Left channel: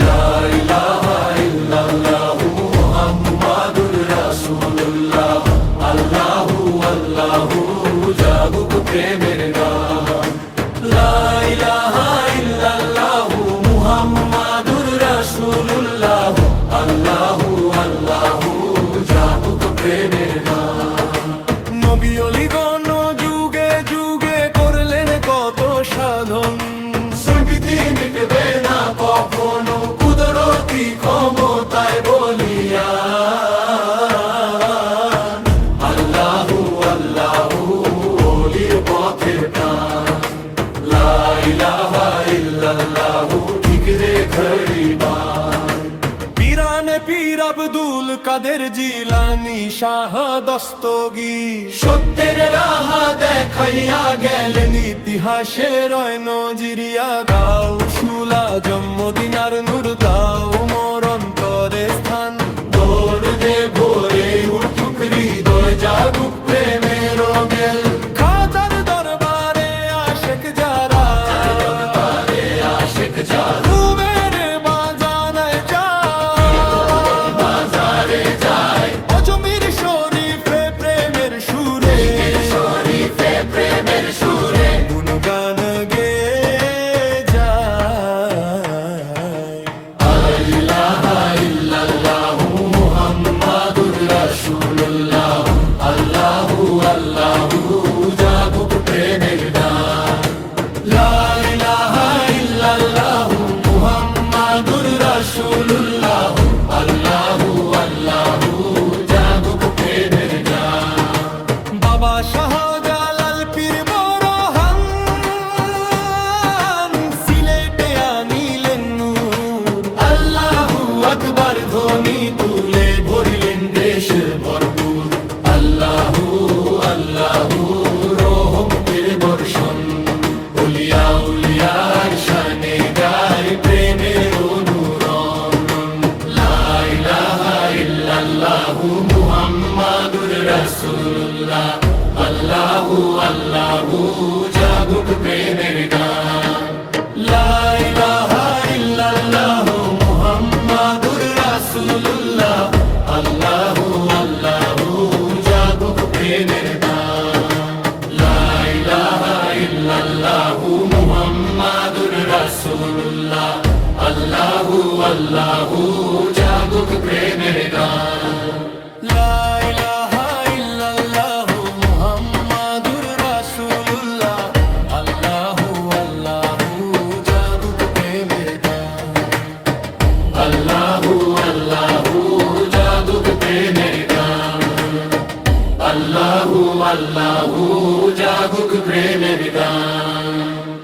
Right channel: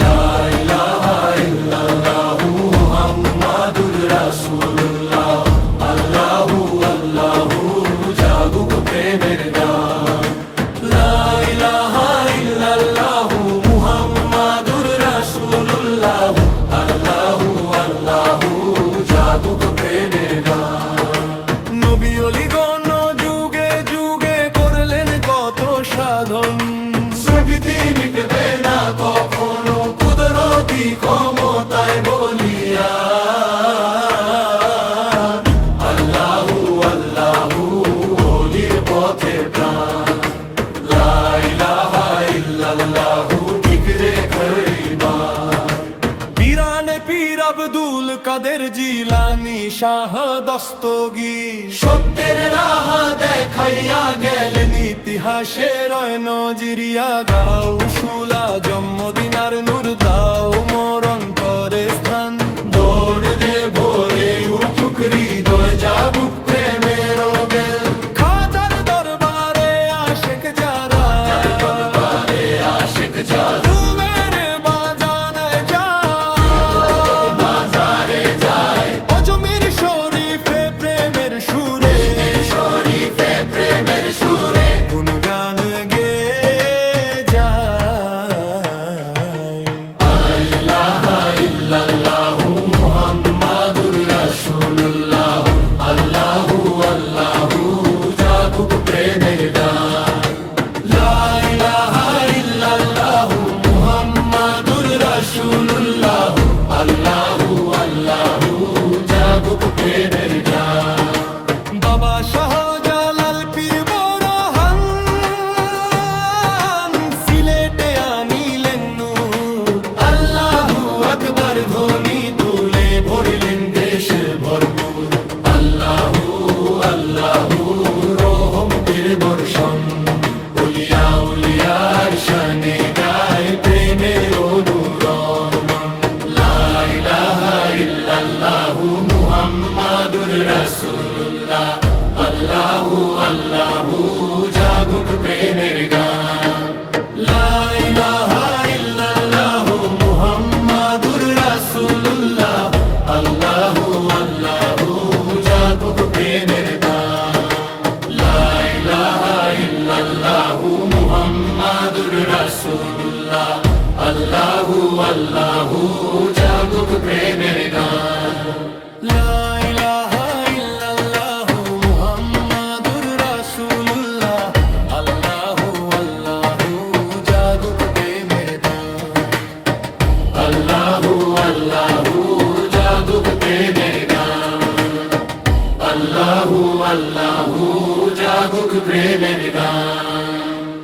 লা ইলাহা ইল্লাল্লাহু মুহাম্মাদুর রাসূলুল্লাহ আল্লাহু আল্লাহু জাগুক প্রেমের গান লা ইলাহা ইল্লাল্লাহু মুহাম্মাদুর রাসূলুল্লাহ আল্লাহু আল্লাহু জাগুক প্রেমের গান নবী ওলিগণ যুগে যুগে করলেন কত সাধন স্মৃতি মিটবে না কখনো কুদরতি ক্ষমতায় বলিয়া আল্লাহু আল্লাহু ওলির পথে প্রাণ লা ইলাহা ইল্লাল্লাহু ঠিক রেখইবা পীরানে পীর আব্দুল কাদের জিলানী শাহ দস্তগীর সত্যের রাহ দেখাইয়া গেলেন ইতিহাসে রয় নজিরিয়া গাও শুলা জন্মদিনার নূর দাও মোর অন্তরে স্থান দৌড় দে ভোরে উঠুক হৃদয় জাগুক প্রেমের বেল খাজার দরবারে আশেক যারা ঘুমের বাজানায় যায় অজমির শরীফে প্রেমের সুরে গুনগান গে যায় লা ইলাহা ইল্লাল্লাহু মুহাম্মাদুর রাসূলুল্লাহ আল্লাহু আল্লাহু জাগুক প্রেমের গান লা ইলাহা ইল্লাল্লাহু মুহাম্মাদুর রাসূলুল্লাহ আল্লাহু আল্লাহু জাগুক প্রেমের গান বাবা শাহজালাল পীর বরহান সিলেটে আনিলেন নূর আল্লাহু আকবার ধ্বনি তুলে ভরিলেন দেশ ভরপুর আল্লাহু আল্লাহু রহমতের বর্ষণ উলিয়া উলিয়ার শানে গায় প্রেমের অনুরণন লা ইলাহা ইল্লাল্লাহু মুহাম্মাদুর রাসূলুল্লাহ আল্লাহু আল্লাহু জাগুক প্রেমের গান লা ইলাহা ইল্লাল্লাহু মুহাম্মাদুর রাসূলুল্লাহ আল্লাহু আল্লাহু জাগুক প্রেমের গান লা ইলাহা ইল্লাল্লাহু মুহাম্মাদুর রাসূলুল্লাহ আল্লাহু আল্লাহু জাগুক প্রেমের গান লা ইলাহা ইল্লাল্লাহু মুহাম্মাদুর রাসূলুল্লাহ আল্লাহু আল্লাহু জাগুক প্রেমের গান আল্লাহু আল্লাহু জাগুক প্রেমের গান আল্লাহু আল্লাহু জাগুক প্রেমের গান।